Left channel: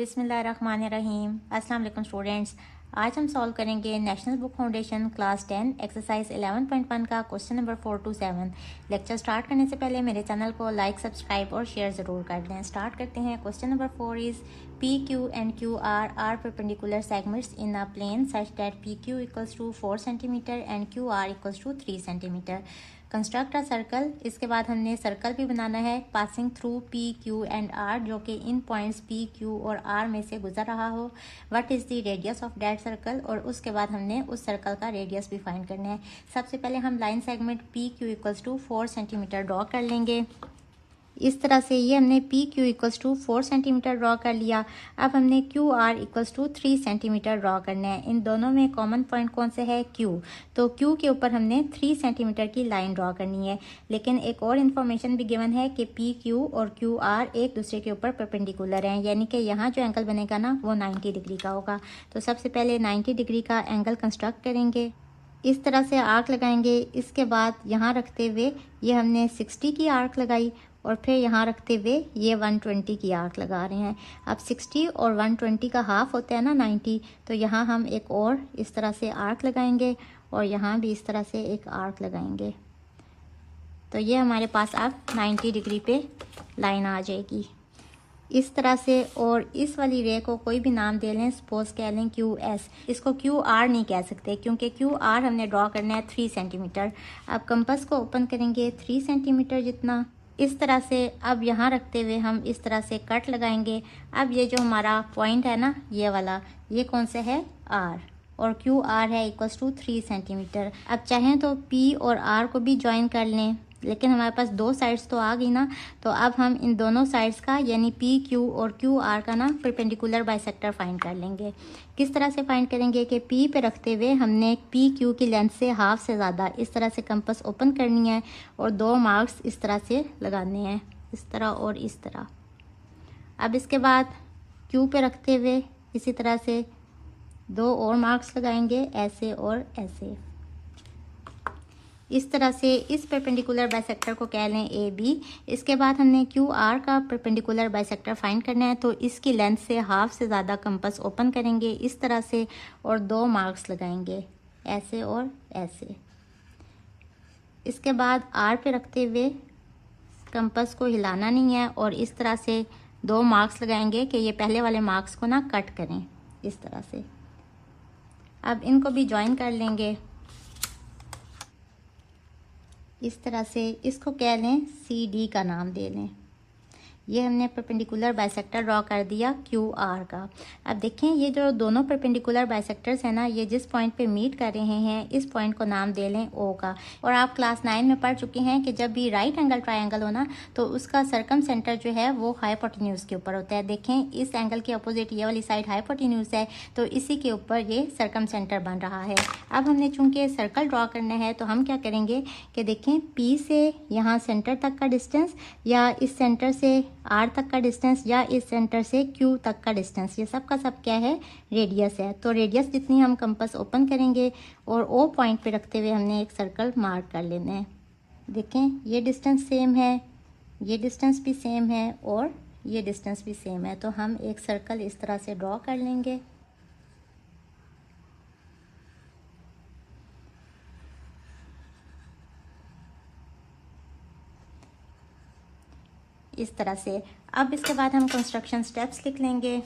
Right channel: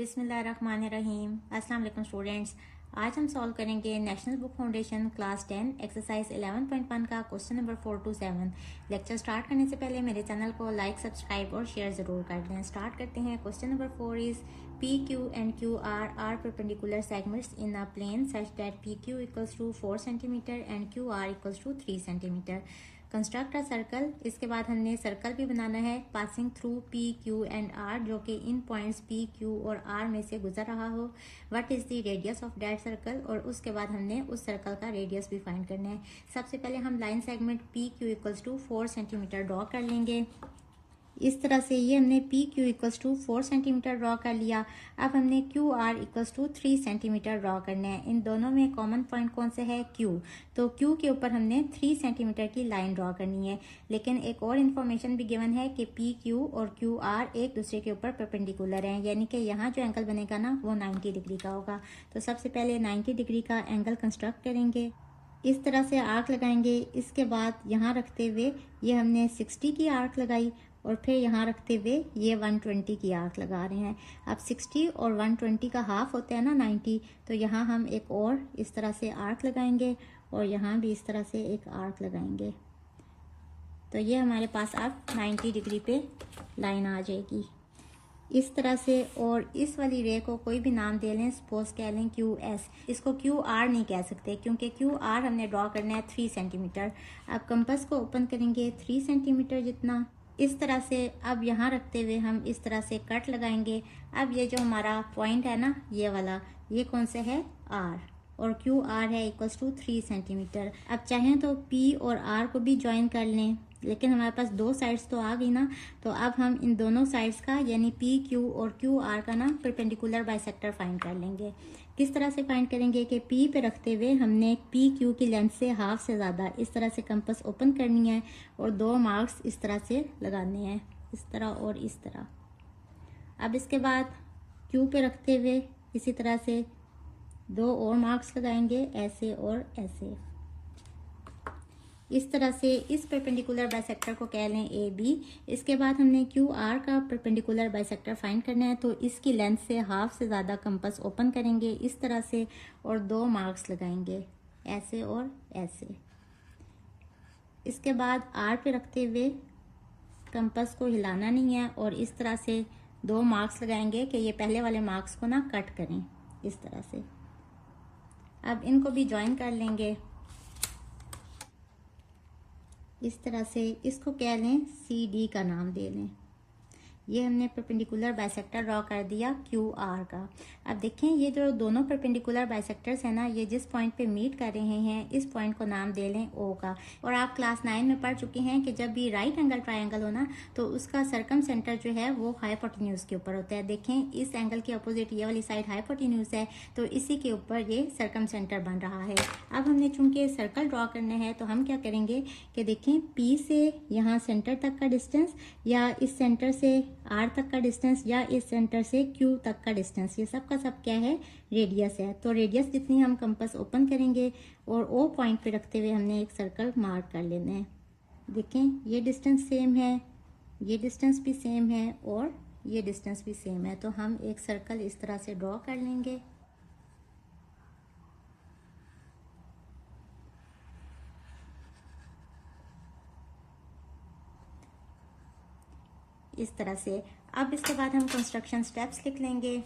बिस्मिल्लाहिर्रहमानिर्रहीम। अस्सलाम वालेकुम स्टूडेंट्स। आज हम सॉल्व करेंगे national book foundation class 10 exercise 11.1 का question number 4 to 7। Lecture start करने से पहले मेरे चैनल को लाइक, सब्सक्राइब और शेयर ज़रूर कर दें। स्टार्ट करते हैं। Question number 4 is P Q and Q R perpendicular segments in a plane such that P Q equals to 4 centimetre and Q R equals to 3 centimetre. Construct a circle. इसके बाद हमने circle भी बनाना है passing through P Q and R, जो कि इन points P Q और आर में से गुजर रहा हो। What is the radius of that circle, और उसके बाद हमने उस सर्कल का रेडियस भी फाइंड करना है। सबसे पहले हम line segment P Q equals to 4 centimetre draw कर लेंगे। इस तरह से ये हमने P Q equals to 4 centimetre draw कर लिया। अब हमने Q R equals to 3 centimetre draw करना है। इन दोनों में कॉमन पॉइंट कौन से है? क्यू। तो क्यू के ऊपर हमने 3 सेंटीमीटर की लाइन ड्रॉ करनी है। लेकिन एक और इन्फॉर्मेशन भी गिवन है कि पी क्यू और क्यू आर एक दूसरे के ऊपर परपेंडिकुलर हैं, यानी कि यहाँ जो एंगल बनेगा ना वो 90 डिग्री का होगा। तो सबसे पहले 90 डिग्री का एंगल कंस्ट्रक्ट करेंगे। इस तरह से आर्क लगाएंगे। इसके बाद यहाँ रखते हुए ये हमने 60 की आर्क लगाई और फिर यहाँ रखते हुए ये 120 की आर्क लगा रहे हैं। अब 60 और 120 का हाफ होता है ना 90, तो यहाँ हम एक और इस तरह से आर्क लगाएंगे और यहाँ भी इस तरह से एक आर्क लगाएंगे। तो ये हमारे पास अब 90 डिग्री पे लाइन आ जाएगी इस तरह से। और इस वाली रे को कोई भी नाम दे लें, सपोज कह लें क्यू एस। इसको क्यू आर नहीं कह सकते क्योंकि क्यू आर हमने ड्रॉ करना है 3 सेंटीमीटर। अब कंपास को ओपन करेंगे 3 सेंटीमीटर जितना इस तरह से। अब यहाँ रखते हुए हम इस तरह से कट लगाएंगे। अब ये जो हमारा पॉइंट है ना ये वाला, ये कौन सा है? आर, और क्यू आर है इक्वल्स टू 3 सेंटीमीटर। अब चाहें तो पी और आर को भी ज्वाइन कर लें, लेकिन हमारे पास दो साइड्स तो आ गई ना। तो अब हम इन दोनों साइड्स का यानी पी क्यू और क्यू आर का ना परपेंडिकुलर बाइसेक्टर फाइंड कर लेंगे। किस तरह से फाइंड करेंगे कि पी पे रखते हुए हमने पी क्यू की लेंथ से हाफ से ज़्यादा इस तरह से कंपास ओपन करनी है और 2 मार्क्स इस तरह से लगाने हैं, इस तरह और इस तरह। अब इसके बाद क्यू पे रखते हुए इसी तरह से 2 और मार्क्स लगाएंगे, ऐसे और ऐसे। इस तरह से इस परपेंडिकुलर बाइसेक्टर को कह लें ए बी। इसके बाद हमने क्यू आर का परपेंडिकुलर बाइसेक्टर फाइंड करना है, तो इसकी लेंथ से हाफ से ज़्यादा कंपास ओपन करेंगे इस तरह से और 2 मार्क्स लगाएंगे, ऐसे और ऐसे। इसके बाद आर पे रखते हुए कंपास को हिलाना नहीं है और इस तरह से 2 मार्क्स लगाएंगे कि ये पहले वाले मार्क्स को ना कट करें इस तरह से। अब इनको भी ज्वाइन कर लेंगे इस तरह से। इसको कह लें सी डी का नाम दे लें। ये हमने परपेंडिकुलर बाइसेक्टर ड्रॉ कर दिया क्यू आर का। अब देखें ये जो दोनों परपेंडिकुलर बाइसेक्टर्स हैं ना, ये जिस पॉइंट पे मीट कर रहे हैं इस पॉइंट को नाम दे लें ओ का। और आप क्लास 9 में पढ़ चुके हैं कि जब भी राइट एंगल ट्राइंगल हो ना तो उसका सर्कम सेंटर जो है वो हाइपोटेन्यूज के ऊपर होता है। देखें इस एंगल के अपोजिट ये वाली साइड हाइपोटेन्यूज है, तो इसी के ऊपर ये सर्कम सेंटर बन रहा है। अब हमने चूंकि सर्कल ड्रॉ करना है तो हम क्या करेंगे कि देखें पी से यहाँ सेंटर तक का डिस्टेंस, या इस सेंटर से आर तक का डिस्टेंस, या इस सेंटर से क्यू तक का डिस्टेंस, ये सब का सब क्या है? रेडियस है। तो रेडियस जितनी हम कंपास ओपन करेंगे और ओ पॉइंट पे रखते हुए हमने एक सर्कल मार्क कर लेना है। देखें ये डिस्टेंस सेम है, ये डिस्टेंस भी सेम है और ये डिस्टेंस भी सेम है। तो हम एक सर्कल इस तरह से ड्रॉ कर लेंगे। इस तरह से। अब इसके बाद हम कंस्ट्रक्शन स्टेप्स लिख लेंगे।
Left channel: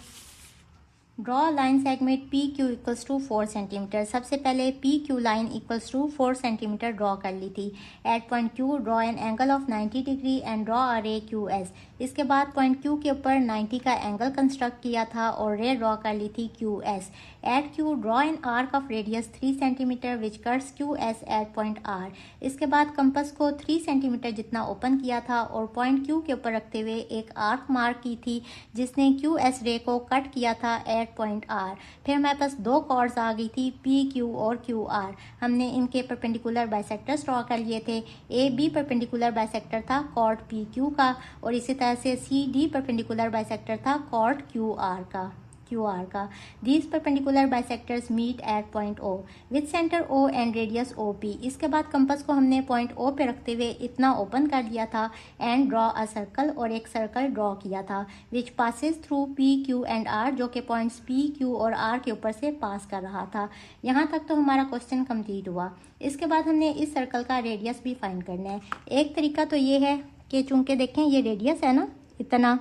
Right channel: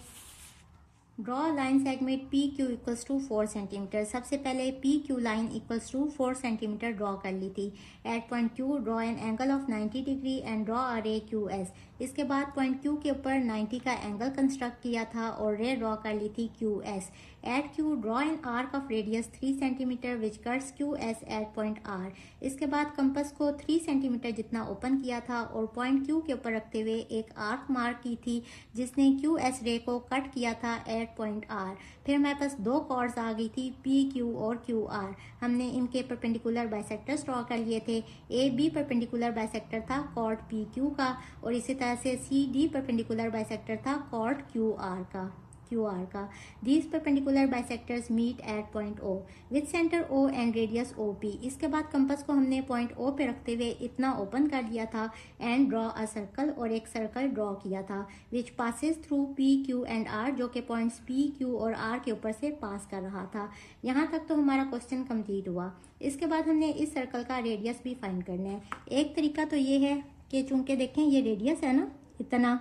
Draw line segment P Q equals to 4 centimetre. सबसे पहले P Q line equals to 4 centimetre draw कर ली थी। At point Q draw an angle of 90 degree and draw a ray Q S. इसके बाद point Q के ऊपर 90 का एंगल कंस्ट्रक्ट किया था और रे ड्रॉ कर ली थी Q S. At Q draw an arc of radius 3 centimetre which cuts Q S at point R. इसके बाद कंपास को 3 सेंटीमीटर जितना ओपन किया था और पॉइंट क्यू के ऊपर रखते हुए एक आर्क मार्क की थी जिसने क्यू एस रे को कट किया था एट पॉइंट आर। फिर हमारे पास 2 कॉर्ड्स आ गई थी पी क्यू और क्यू आर। हमने इनके परपेंडिकुलर बाइसेक्टर्स ड्रॉ कर लिए थे। ए बी परपेंडिकुलर बाइसेक्टर था कॉर्ड पी क्यू का, और इसी तरह से सी डी परपेंडिकुलर बाइसेक्टर था कॉर्ड क्यू आर का। क्यू आर का। These perpendicular bisectors meet at point O with centre O and radius O P. इसके बाद कंपास को हमने पॉइंट ओ पे रखते हुए इतना ओपन कर लिया था एंड ड्रॉ अ सर्कल, और एक सर्कल ड्रॉ किया था which passes through P Q and R, जो कि पॉइंट्स पी क्यू और आर के ऊपर से पास कर रहा था। यहाँ तक तो हमारा क्वेश्चन कंप्लीट हुआ। इसके बाद हमने इस सर्कल का रेडियस भी फाइंड करना है। एक तरीका तो ये है कि चूंकि देखें ये रेडियस है ना इतना,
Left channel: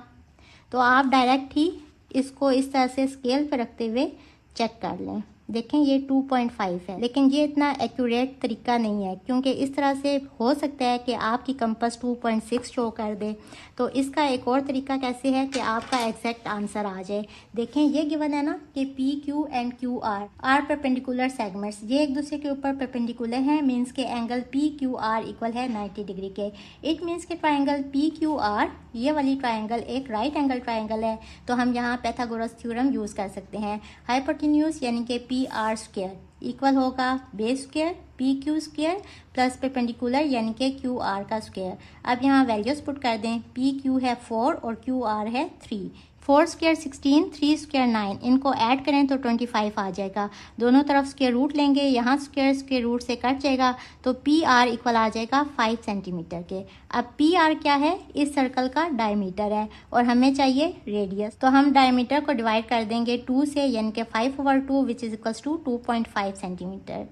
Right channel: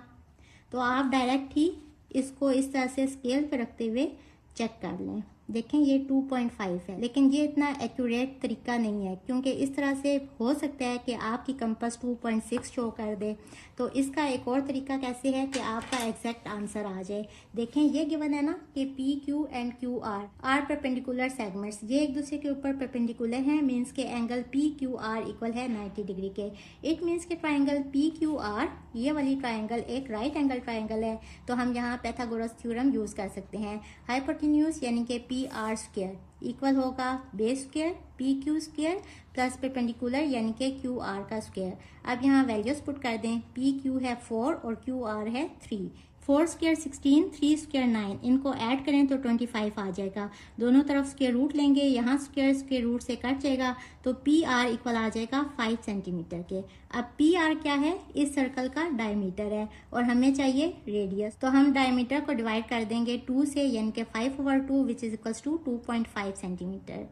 तो आप डायरेक्ट ही इसको इस तरह से स्केल पर रखते हुए चेक कर लें। देखें ये 2.5 है, लेकिन ये इतना एक्यूरेट तरीका नहीं है, क्योंकि इस तरह से हो सकता है कि आपकी कंपास 2.6 शो कर दे। तो इसका एक और तरीका कैसे है कि आपका एग्जैक्ट आंसर आ जाए। देखें ये गिवन है ना कि P Q and Q R perpendicular segments, ये एक दूसरे के ऊपर परपेंडिकुलर हैं, मीन्स के angle P Q are equal है 90 डिग्री के। इट मीन्स के ट्राइंगल पी क्यू आर, ये वाली ट्राइंगल एक राइट एंगल ट्राइंगल है। तो हम यहाँ पाइथागोरस थ्योरम यूज कर सकते हैं। हाइपोटेन्यूज यानी कि पी आर स्क्वायर इक्वल होगा base square P Q square plus perpendicular यानी कि क्यू आर का स्क्वायर। अब यहाँ वैल्यूज पुट कर दें। पी क्यू है 4 और क्यू आर है 3। 4 स्क्वायर 16, 3 स्क्वायर 9, इनको ऐड करें तो 25 आ जाएगा। दोनों तरफ स्क्वायर रूट लेंगे, यहाँ स्क्वायर रूट से कट जाएगा, तो पी आर इक्वल आ जाएगा 5 सेंटीमीटर के। अब पी आर क्या है? इस सर्कल का डायमीटर है और हमें चाहिए रेडियस, तो हम डायमीटर को डिवाइड कर देंगे 2 से, यानी कि 5/2 which is equals to 2.5 centimetre.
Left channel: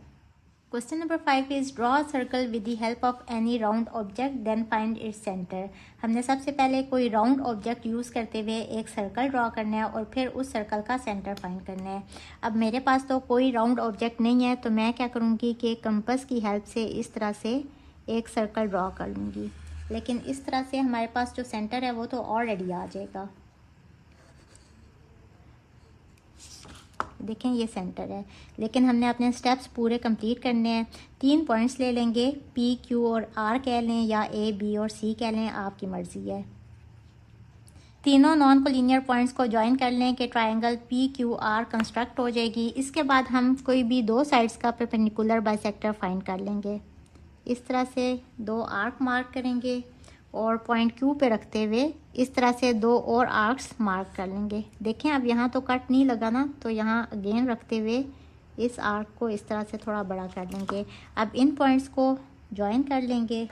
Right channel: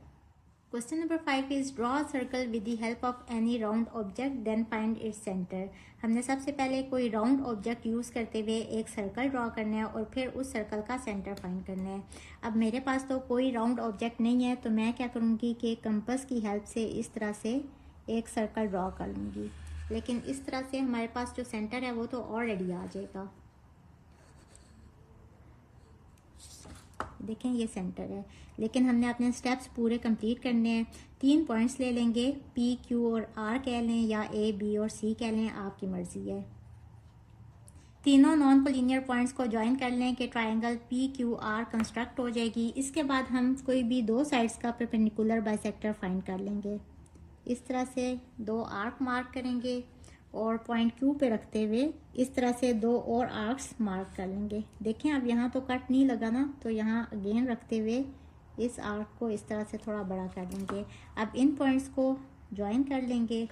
Question number 5 is draw a circle with the help of any round object then find its center। हमने सबसे पहले कोई राउंड ऑब्जेक्ट यूज़ करते हुए एक सर्कल ड्रॉ करना है और फिर उस सर्कल का सेंटर फाइंड करना है। अब मेरे पास तो कोई राउंड ऑब्जेक्ट नहीं है, तो मैं क्या करूँगी कि कंपास की हेल्प से इस तरह से एक सर्कल ड्रॉ कर लूँगी, लेकिन इस तरह से हमारे पास जो सेंटर है वो तो ऑलरेडी आ जाएगा। देखें ये सेंटर है, लेकिन हमने अपने स्टेप्स पूरे कंप्लीट करने हैं। 3 पॉइंट्स ले लेंगे, पी क्यू और आर कह लें या ए बी और सी कह लें, आपकी मर्जी है। तीनों नॉन कोलिनियर पॉइंट्स को ज्वाइन कर लें कि triangle P Q R construct हो जाएगी। इसके बाद हम कोई भी 2 साइड्स का परपेंडिकुलर बाइसेक्टर फाइंड कर लेंगे। इस तरह से 2 आर्क मार्क करेंगे और पॉइंट क्यू पे रखते हुए इस तरह से 2 और आर्क्स मार्क कर लेंगे। देखें अब यहाँ तो कट नहीं लगा ना, तो यहाँ अगेन रखते हुए इस आर्क को इस तरह से थोड़ा बड़ा कर लेंगे। अब इन पॉइंट्स को ज्वाइन कर लेंगे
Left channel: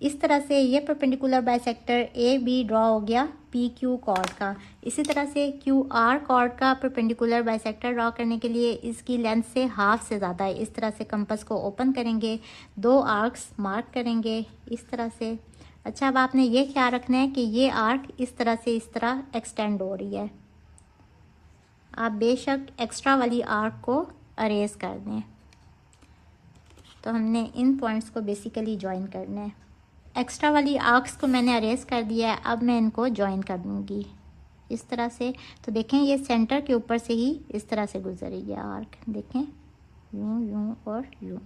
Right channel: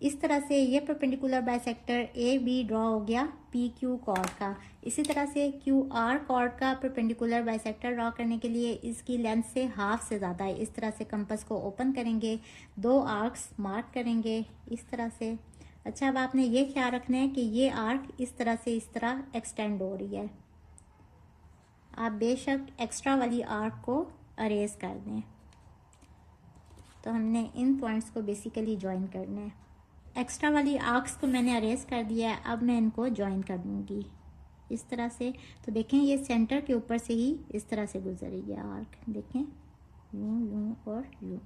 इस तरह से। ये perpendicular bisector A B draw हो गया पी क्यू कॉर्ड का। इसी तरह से क्यू आर कॉर्ड का परपेंडिकुलर बाइसेक्टर ड्रॉ करने के लिए इसकी लेंथ से हाफ से ज़्यादा है। इस तरह से कंपास को ओपन करेंगे, 2 आर्क्स मार्क करेंगे इस तरह से। अच्छा, अब आपने ये ख्याल रखना है कि ये आर्क इस तरह से इस तरह एक्सटेंड हो रही है। आप बेशक एक्स्ट्रा वाली आर्क को अरेज कर दें। तो हमने इन पॉइंट्स को बेसिकली ज्वाइन करना है। एक्स्ट्रा वाली आर्क्स को मैंने अरेज कर दिया है, अब मैं इनको ज्वाइन कर दूँगी इस तरह से। तो देखें ये सेंटर के ऊपर से ही इस तरह से गुजर रही है आर्क। देखें यूं यूं और यूं।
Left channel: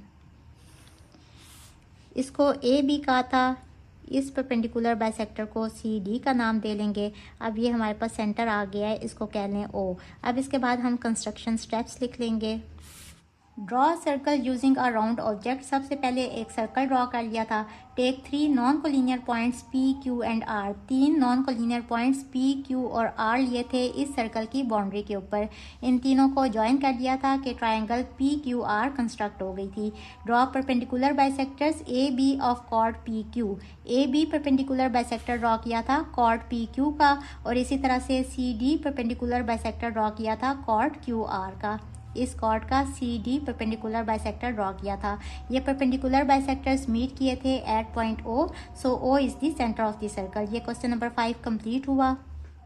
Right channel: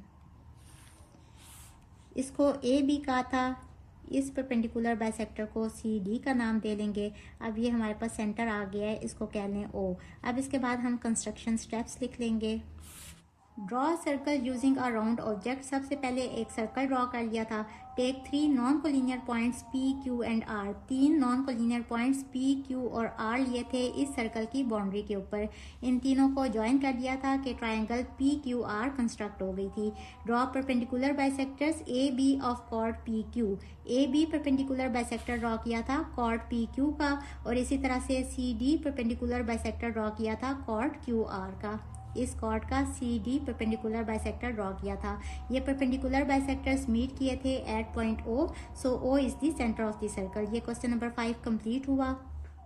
इसको ए बी कहा था, इस परपेंडिकुलर बाइसेक्टर को सी डी का नाम दे लेंगे। अब ये हमारे पास सेंटर आ गया है, इसको कह लें ओ। अब इसके बाद हम कंस्ट्रक्शन स्टेप्स लिख लेंगे। Draw circle using a round object. सबसे पहले एक सर्कल ड्रॉ कर लिया था। Take 3 non collinear points P Q and R. 3 non collinear points P Q और आर लिए थे इस सर्कल की बाउंड्री के ऊपर। इन तीनों को ज्वाइन कर दिया था कि triangle P Q R construct हो गई थी। Draw perpendicular bisectors A B of chord P Q. A B perpendicular bisector draw किया था कॉर्ड पी क्यू का, और इसी तरह से C D perpendicular bisector draw किया था कॉर्ड क्यू आर का। इस कॉर्ड का C D perpendicular bisector draw किया था। ये परपेंडिकुलर बाइसेक्टर्स मीट किए थे at point O, so O is the centre of the circle. ये क्वेश्चन नंबर 5 कंप्लीट हुआ।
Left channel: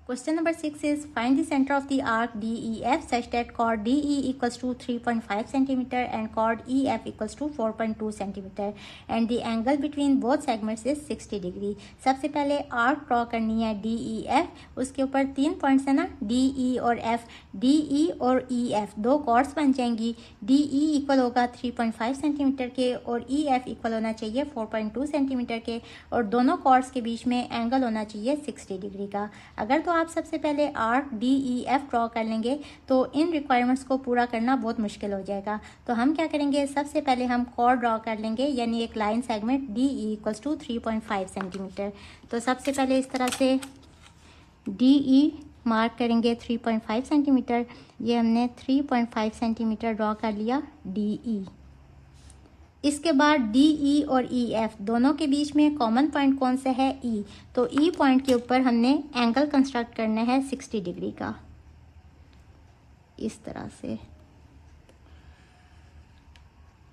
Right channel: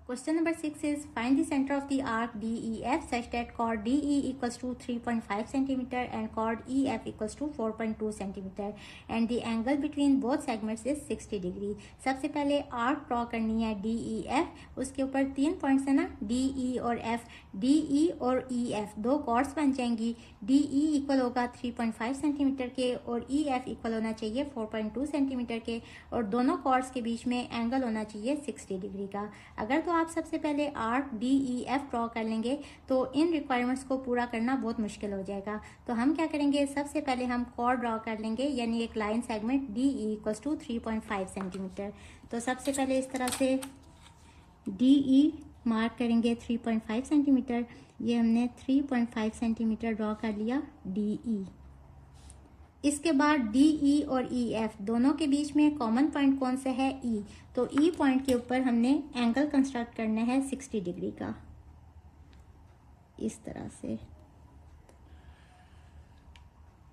Question number 6 is find the center of the arc DEF such that chord DE equals to 3.5 cm and chord EF equals to 4.2 cm and the angle between both segments is 60 degree। सबसे पहले arc draw करनी है DEF, उसके ऊपर 3 points है ना DE और F। DE और EF 2 कॉर्ड्स बन जाएंगी। DE इक्वल होगा 3.5 सेंटीमीटर के और EF इक्वल होना चाहिए 4.2 सेंटीमीटर के, और दोनों कॉर्ड्स के बीच में एंगल होना चाहिए 60 डिग्री का। अगर तो आप सबसे पहले आर्क DEF ड्रॉ कर लेंगे तो इन रिक्वायरमेंट्स को पूरा करना बहुत मुश्किल हो जाएगा। तो हम क्या करेंगे, सबसे पहले हम कॉर्ड ड्रॉ कर लेंगे, यानी एक line segment DE equals to 3.5 centimetre. तो सबसे पहले इस तरह से DE मार्क करेंगे 3.5 सेंटीमीटर। ये हमने 3.5 सेंटीमीटर ड्रॉ कर लिया DE। इसके बाद DE और EF दोनों के बीच में कॉमन पॉइंट कौन सा है? E। तो E पॉइंट के ऊपर हमने एंगल कंस्ट्रक्ट करना है 60 डिग्री का, इस तरह से।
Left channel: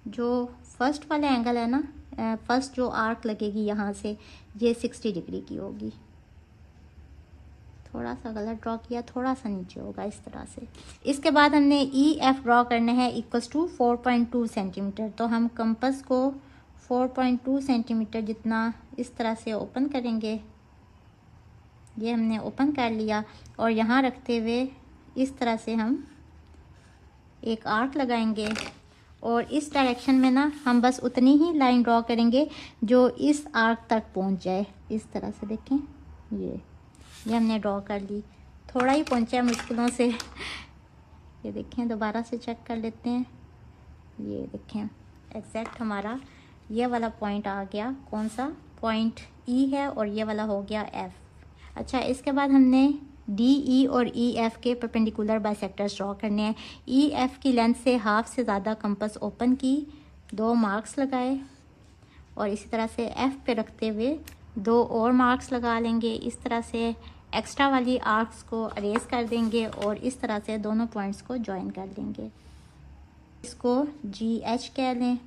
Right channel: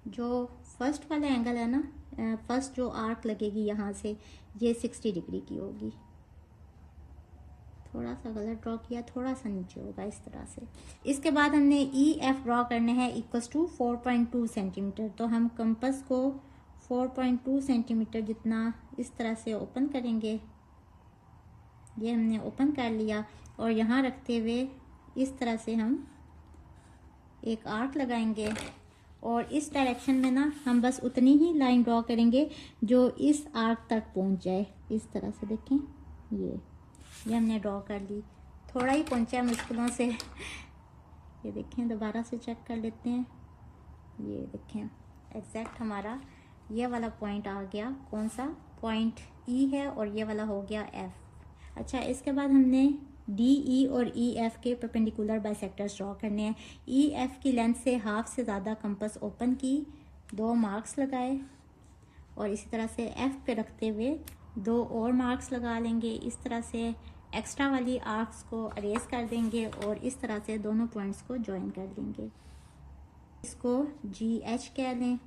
जो फर्स्ट वाला एंगल है ना, फर्स्ट जो आर्क लगेगी यहाँ से, ये 60 डिग्री की होगी। थोड़ा सा गलत ड्रॉ किया, थोड़ा सा नीचे होगा इस तरह से। इसके बाद हमने EF ड्रॉ करना है इक्वल्स टू 4.2 सेंटीमीटर। तो हम कंपास को 4.2 सेंटीमीटर जितना इस तरह से ओपन करेंगे। ये हमने ओपन कर लिया और यहाँ रखते हुए इस तरह से हम एक आर्क लगाएंगे और इस डायरेक्शन में ना हम बस उतनी ही लाइन ड्रॉ करेंगे जो इस आर्क तक पहुँच जाए, इस तरह से। देखें, ये हमने ड्रॉ कर ली। थोड़ा ही पहुंचा मुश्किलों से। ये देखें, दोबारा से चेक कर लेते हैं। ये देखें, एग्जैक्ट हमारा ये वाला पॉइंट आ गया। कौन सा पॉइंट? E है और ये वाला हो गया F। अच्छा, इसके बाद हमने DE और EF के परपेंडिकुलर बाइसेक्टर्स ड्रॉ करने हैं। EF की लेंथ से हाफ से ज़्यादा कंपास ओपन की, 2 मार्क्स लगाए और इसी तरह से F पे रखते हुए 2 और मार्क्स लगा लेंगे। इस तरह से एक्स्ट्रा वाली आर्क्स को अरेज कर देंगे और इस तरह से दोनों पॉइंट्स को ज्वाइन कर देंगे। इसको GH कह लें।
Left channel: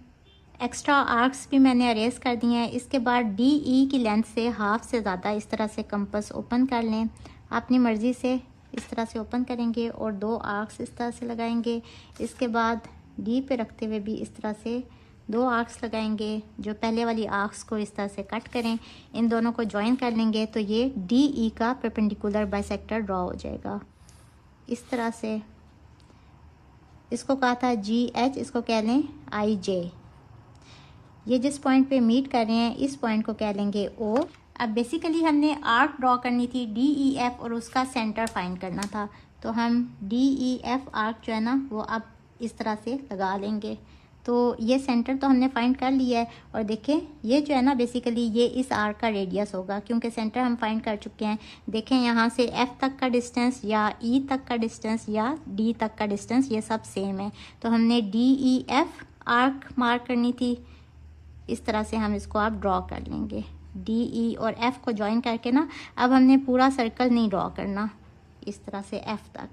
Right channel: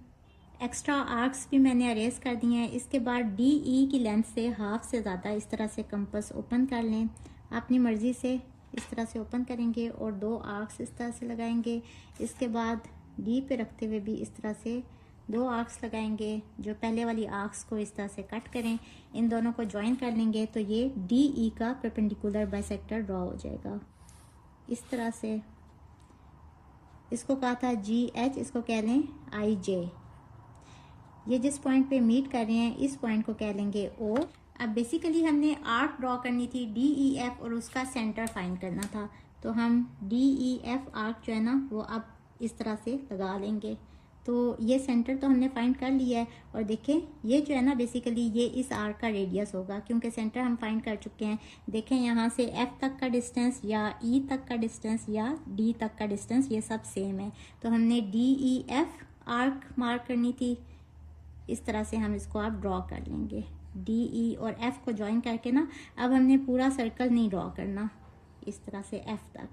एक्स्ट्रा आर्क्स भी मैंने अरेज कर दिए हैं। इसके बाद DE की लेंथ से हाफ से ज़्यादा इस तरह से कंपास ओपन कर लें। अपनी मर्ज़ी से इस तरह से ओपन करेंगे और 2 आर्क्स इस तरह से लगाएंगे। इसके बाद D पे रखते हुए भी इस तरह से 2 आर्क्स लगाएंगे। जो पहले वाली आर्क्स को इस तरह से कट करें, इन दोनों को ज्वाइन कर लेंगे तो ये DE का परपेंडिकुलर बाइसेक्टर ड्रॉ हो जाएगा इस तरह से। इसको कहा था GH, इसको कह लें IJ। ये जिस पॉइंट पे मीट कर रहे हैं इस पॉइंट को कह लेंगे O। अब बेसिकली हमने आर्क ड्रॉ करनी थी DEF और उसका सेंटर फाइंड करना था। तो हम DEF आर्क जो है ना वो अब इस तरह से लगा लेंगे। तो ये सेंटर तो हमने फाइंड कर लिया है और देखें ये जो है ना बेसिकली ये इस आर्क का रेडियस होगा क्योंकि सेंटर हम फाइंड कर चुके हैं। देखें यहाँ से F तक का डिस्टेंस या E तक का डिस्टेंस या D तक का डिस्टेंस ये सब सेम है। तो हमने DEF आर्क मार्क करनी थी, इस तरह से हम इसको आप ड्रॉ कर लेंगे। DE और F को ज्वाइन करके ना अब हमने पूरा सर्कल नहीं ड्रॉ करना, इस तरह से F तक।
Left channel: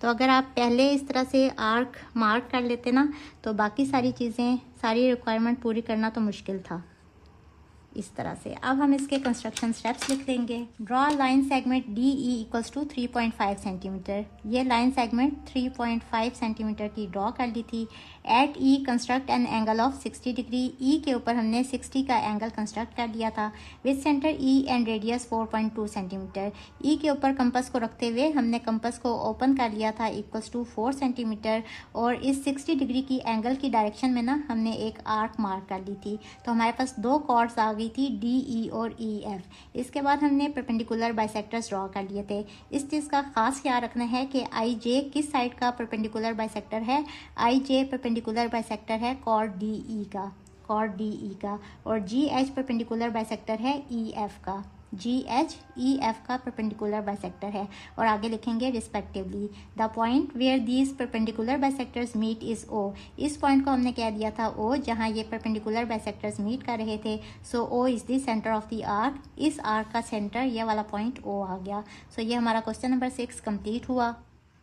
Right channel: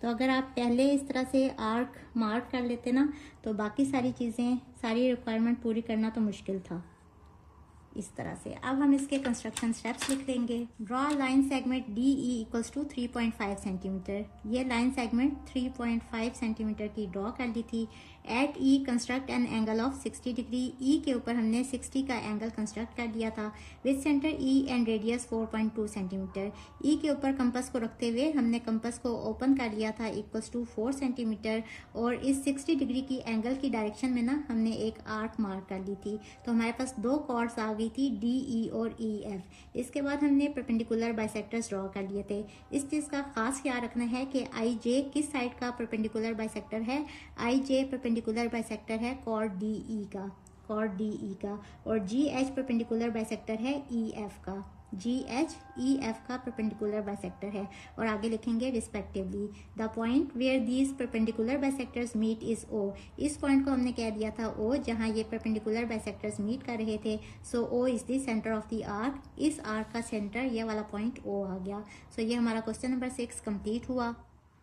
तो अगर आप पहले इस तरह से आर्क मार्क कर लेते ना तो बाकी सारी चीज़ें, सारी रिक्वायरमेंट पूरी करना तो मुश्किल था। इस तरह से अब हम इसके कंस्ट्रक्शन स्टेप्स लिख लेंगे। Draw line segment DE equals to 3.5 centimetre. ये लाइन सेगमेंट 3.5 सेंटीमीटर की ड्रॉ कर ली थी। At E construct an angle of 60 degree. E के ऊपर हमने 60 का एंगल कंस्ट्रक्ट कर लिया था with centre E and radius 4.2 centimetre. E के ऊपर कंपास को रखते हुए हमने कंपास को ओपन कर लिया था इक्वल्स टू 4 सेंटीमीटर और इस 60 डिग्री की एंगल की डायरेक्शन में ना हमने एक आर्क मार्क कर ली थी। तो हमारे पास 2 कॉर्ड्स आ गई थी DE और EF। इसके बाद हमने परपेंडिकुलर बाइसेक्टर्स ड्रॉ कर लिए थे। इस चीज़ का खास ख्याल रखना है कि IJ किस साइड का परपेंडिकुलर बाइसेक्टर है। IJ परपेंडिकुलर बाइसेक्टर है कॉर्ड DE का और GH परपेंडिकुलर बाइसेक्टर है EF का। GH EF का परपेंडिकुलर बाइसेक्टर है और आगे लिखेंगे respectively. The point where these perpendicular bisectors meet is O। इस पॉइंट को हमने कह दिया था O जहां ये परपेंडिकुलर बाइसेक्टर्स मीट कर रहे थे। सो O is the centre of the arc. इस आर्क का सेंटर ये वाला पॉइंट O आ गया। सो ये हमारा क्वेश्चन नंबर 6 कंप्लीट हुआ।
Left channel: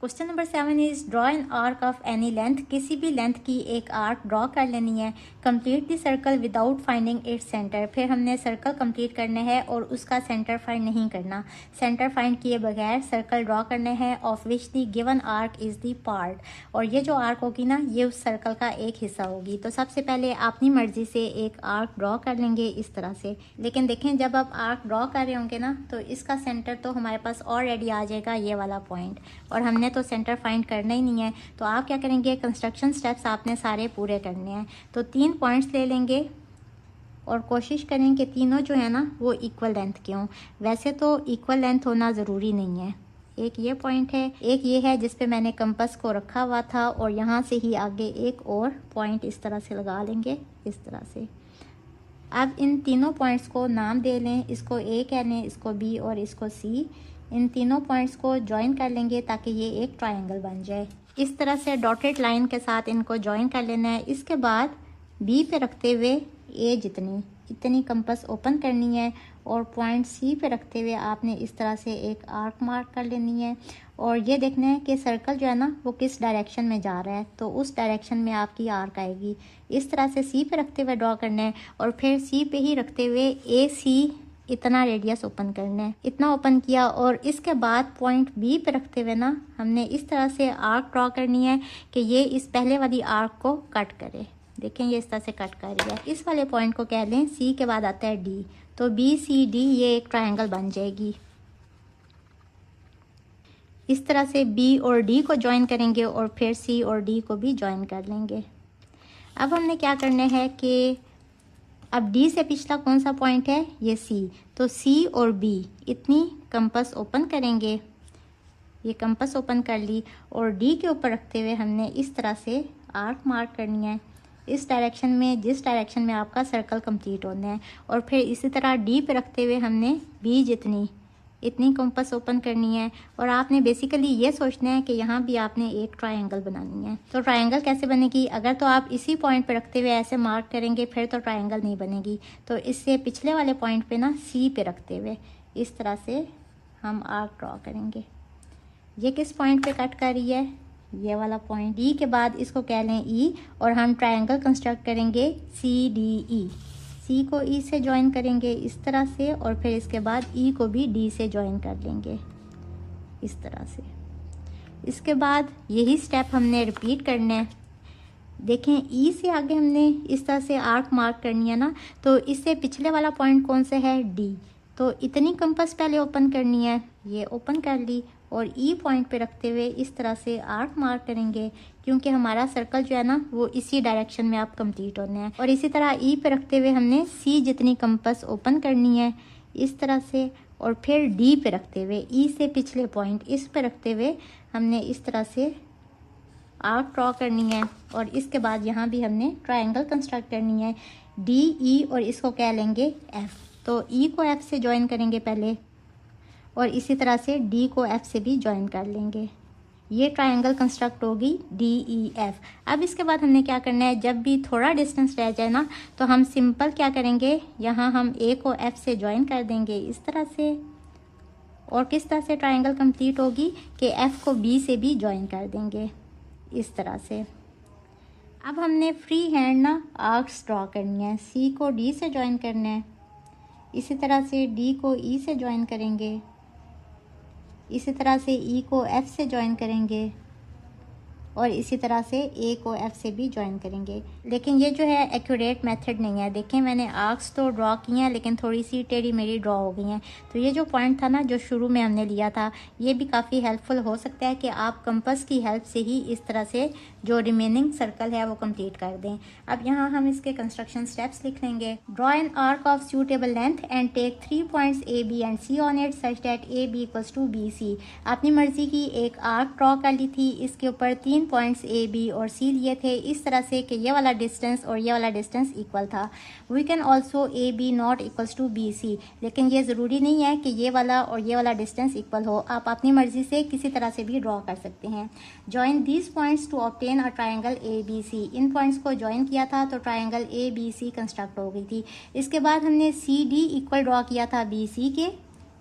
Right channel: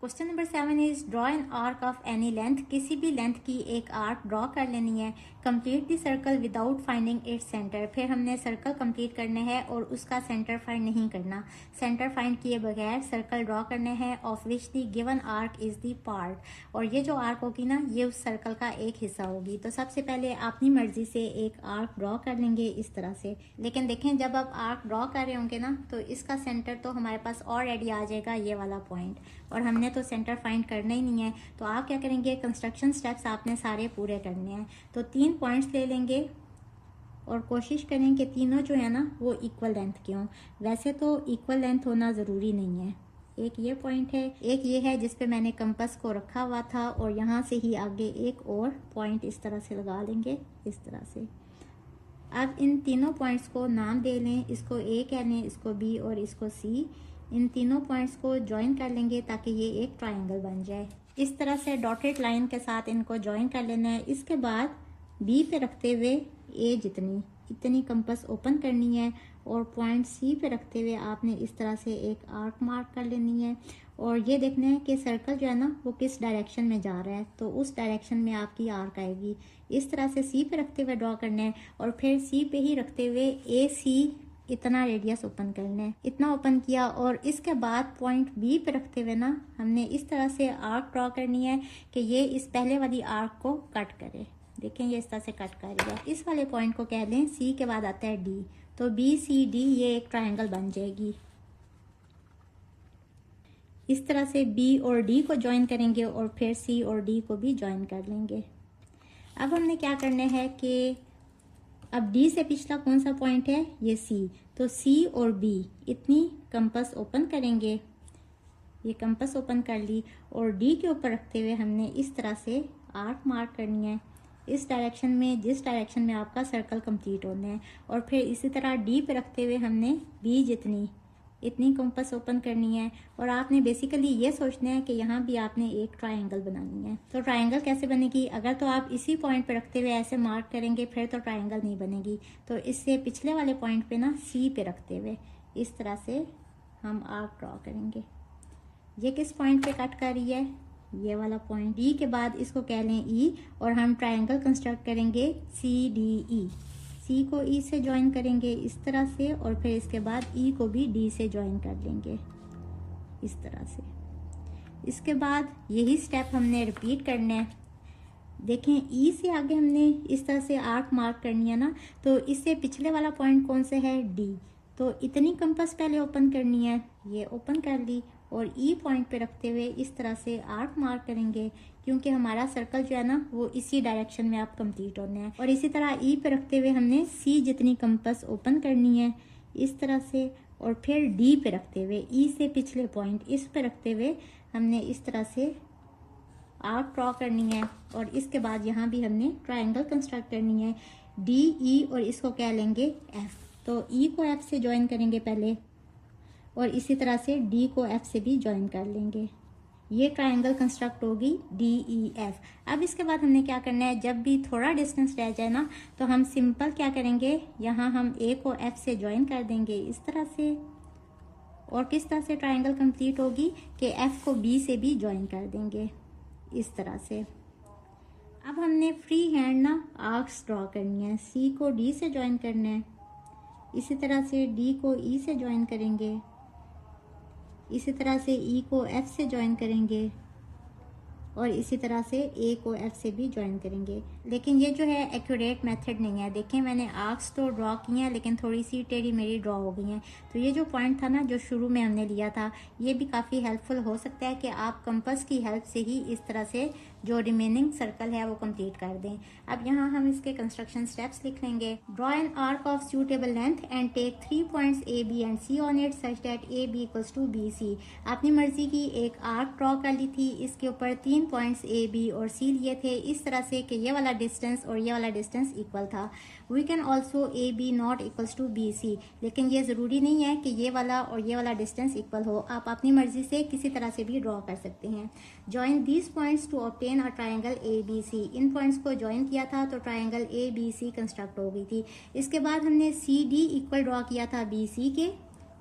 Question number 7 is draw an arc of any length. किसी भी लेंथ की एक आर्क ड्रॉ कर लेनी है। Complete the circle without finding its centre. फिर हमने सर्कल कंप्लीट करने हैं और उसका सेंटर फाइंड नहीं करना। सेंटर फाइंड किए बगैर सर्कल ड्रॉ करने हैं of which the given arc is the part. और ये जो आर्क होगी ना ये उस सर्कल का एक हिस्सा होगी। तो सबसे पहले अपनी मर्जी से एक आर्क ड्रॉ कर लेंगे इस तरह से। लेकिन देखें जब आप आर्क ड्रॉ कर रहे होंगे ना तो इसका सेंटर तो हमारे पास ऑलरेडी आ जाएगा ये वाला पॉइंट और हमने तो सेंटर फाइंड करना ही नहीं है। तो आप क्या करेंगे, कंस्ट्रक्शन स्टेप्स आपने सारे पूरे करने हैं। तो 3 पॉइंट्स ले लेंगे और कोशिश करें कि तीनों जो है ना वो इक्वल लेंथ के हों। वैसे तो इक्वल लेंथ होना ज़रूरी नहीं है। एक ये पॉइंट है, एक ये है जिस पे मैंने कंपास को रखा हुआ था और यहाँ से ही आगे एक और पॉइंट इस तरह से लगा लेंगे इस तरह से। अब इन तीनों पॉइंट्स को नाम दे लें। इसको A कह लें, इसको B और इसको C। इन तीनों पॉइंट्स को ज्वाइन कर लेंगे ताकि ये एक ट्रायंगल बन जाए। इस तरह से डॉटेड लाइन के साथ इनको ज्वाइन कर लेना है। इसके बाद बी पे रखते हुए ए जितनी इतनी कंपास ओपन करनी है और पॉइंट सी पे रखते हुए आपने इस तरह से एक आर्क मार्क कर लेनी है और ये देखना है कि सर्कल जो है ना वो किस डायरेक्शन में जा रहा है, तो उस डायरेक्शन में आपकी आर्क आएगी। इस तरह से सी पे रखते हुए ड्रॉ करना है और फिर सी पे ही रखते हुए ए सी इतना रेडियस ओपन करना है। इतना ओपन किया और इसके बाद पॉइंट बी पे रखते हुए ना हमने इस तरह से आर्क ड्रॉ करनी है कि ये इस पहले वाली आर्क को कट करे। देखें ये इस तरह से कट कर रही है। इस वाले पॉइंट को कह लें सी के बाद आता है डी, तो बी सी डी ये एक ट्रायंगल बन जाएगी। इस तरह से बी और डी को ज्वाइन करेंगे और फिर सी और डी को भी ज्वाइन कर लेंगे। अब हमने क्या करना है कि अब डी से पिछला कौन सा पॉइंट है, ये सी, तो सी और बी इतनी कंपास ओपन करेंगे। ये कंपास ओपन कर ली और डी के ऊपर रखते हुए हमने इस तरह से आर्क मार्क करनी है इस डायरेक्शन में जिस डायरेक्शन में आपका सर्कल कंप्लीट होना है। और फिर इसी तरह डी पे रखते हुए हमने बी जितनी इतनी कंपास ओपन करनी है और आपने बेसिकली ये सोचना है कि यहाँ भी आपने एक ट्रायंगल बनानी है। तो ट्रायंगल कैसे बनेगी, अगर तो आप इसी पॉइंट पे रखते हुए ऐसे मार्क करेंगे फिर तो ट्रायंगल नहीं बनेगी। तो इससे पिछले वाले पॉइंट पे ना सी पे रखते हुए इस तरह से हम आर्क ड्रॉ करेंगे। ये किस पॉइंट पे कट कर रही है, ये वाला पॉइंट। डी के बाद इसको कह लें ई और हम ट्रायंगल कंस्ट्रक्ट करेंगे सी डी ई। सी को ई से ज्वाइन करेंगे इस तरह से और फिर इसके बाद ई को भी डी से ज्वाइन कर लेंगे इस तरह से। इसके बाद यही स्टेप हमने रिपीट करना है। देखें ई से आगे हमने इस तरह से आर्क मार्क करनी है ना, तो इससे पिछले वाला पॉइंट कौन सा है, डी, तो इतनी कंपास पहले ओपन करनी है, ये ओपन कर ली और ई पॉइंट पे रखते हुए इस तरह से आर्क मार्क करेंगे क्योंकि हमारा सर्कल जो है ना वो इसी डायरेक्शन में आप कंप्लीट होने हैं। और इसी तरह ई पे रखते हुए हमने सी जितनी कंपास ओपन करनी है इस तरह से और फिर डी पे रखते हुए ई से पिछले पॉइंट इस पे रखते हुए हमने इस तरह से आर्क ड्रॉ करनी है और इसके बाद यहाँ भी हमने ट्रायंगल कंस्ट्रक्ट करनी है डी ई और इसको क्या लेंगे एफ। तो ई को एफ से ज्वाइन करेंगे पहले और इसी तरह से डी को एफ से भी ज्वाइन कर लेंगे। ये ट्रायंगल कंस्ट्रक्ट होगी डी ई एफ। अब इसके बाद हमने क्या करना है, जब भी थोड़ा डिस्टेंस रह जाए ना तो हम सिंपल क्या करेंगे, यहाँ हम ए को एफ से ज्वाइन कर देंगे इस तरह से। और किस तरह से ट्रायंगल कंप्लीट होगी कि एफ को बी से भी ज्वाइन कर देंगे इस तरह से। अब हमने फ्री हैंड ना आर्क्स ड्रॉ करनी है। सी को डी से ज्वाइन करना है, इसी तरह से डी को ई से ज्वाइन करेंगे, इसी तरह से ई को एफ से ज्वाइन करेंगे और इसी तरह से ए को एफ से भी ज्वाइन करेंगे। लेकिन ये जो है एक्यूरेट मेथड नहीं है। देखें मैंने आर्क्स तो ड्रॉ किए हैं लेकिन थोड़ी सी टेढ़ी मेरी ड्रॉ हो गई हैं। तो ये जो पॉइंट था ना जो शुरू में हमने लिया था ये भी काफ़ी हेल्पफुल हो सकता है कि आप कंपास की हेल्प से ही इस तरह से जो रिमेनिंग सर्कल है वो कंप्लीट कर दें। अब यहाँ हम इसके कंस्ट्रक्शन स्टेप्स लिख लेंगे। Draw an arc of suitable length and take 3 points A B and C on it such that A B equals to B C. अपनी मर्जी की एक आर्क ड्रॉ कर ली थी, इसके ऊपर 3 पॉइंट्स ए बी और सी लिए थे इस तरह से कि ये वाला डिस्टेंस और ये वाला डिस्टेंस इक्वल था। We can also A B not equals to B C, लेकिन ये ज़रूरी नहीं है कि ये वाला और ये वाला डिस्टेंस इक्वल हो, आप अपनी मर्जी से किसी तरह से भी ड्रॉ कर सकते हैं। Join these points to obtain a triangle A B C. इन पॉइंट्स को ज्वाइन किया था तो triangle A B C construct हो गई थी। इसके बाद हमने सी डी इक्वल ड्रॉ किया था बी सी के,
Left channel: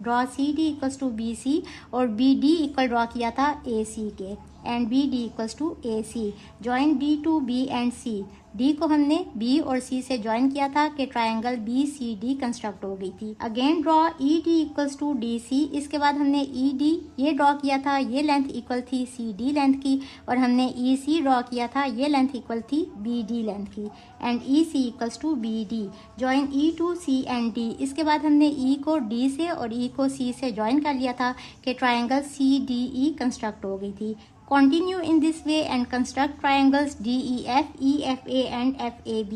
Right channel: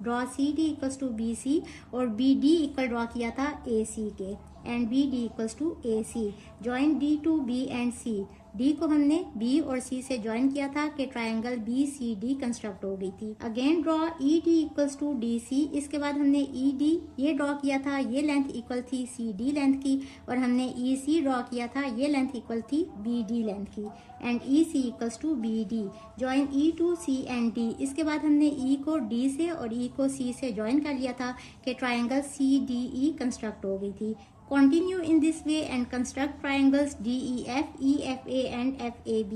draw C D equals to B C, और बी डी इक्वल ड्रॉ किया था ए सी के and B D equals to A C. Join D to B and C. D को हमने B और सी से ज्वाइन किया था कि triangle B C D construct हो गई थी। Again draw E D equals to D C. इसके बाद हमने ई डी ये ड्रॉ किया था, ये लेंथ इक्वल थी सी डी लेंथ की, और हमने ई सी ड्रॉ किया था, ये लेंथ इक्वल थी बी डी लेंथ की, and E C equals to B D. Join E to C and D. इसके बाद हमने ई को डी से और ई को सी से ज्वाइन कर लिया था कि triangle C D E construct हो गई थी। Continue in this way and construct triangles DEF, EFA and FAB.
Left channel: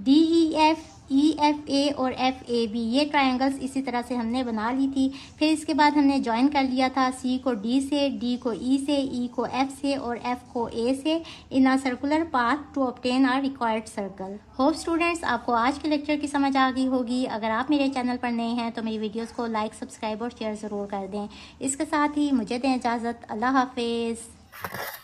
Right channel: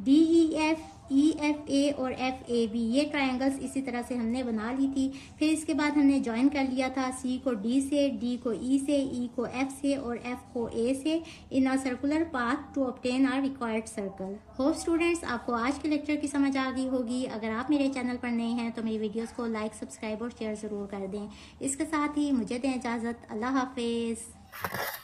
DEF, EFA और FAB ये ट्रायंगल्स इसी तरह से हमने बना ली थी। फिर इसके बाद हमने ज्वाइन कर लिया था C को D से, D को E से, E को F से और F को A से in a circular path to obtain our required circle. Hope students आपको आज के लेक्चर की समझ आ गई होगी। अगर आप मेरे चैनल पर नए हैं तो मेरी वीडियोस को लाइक, सब्सक्राइब और शेयर ज़रूर कर दें। इसके साथ ही मुझे दें इजाज़त। अल्लाह हाफिज़।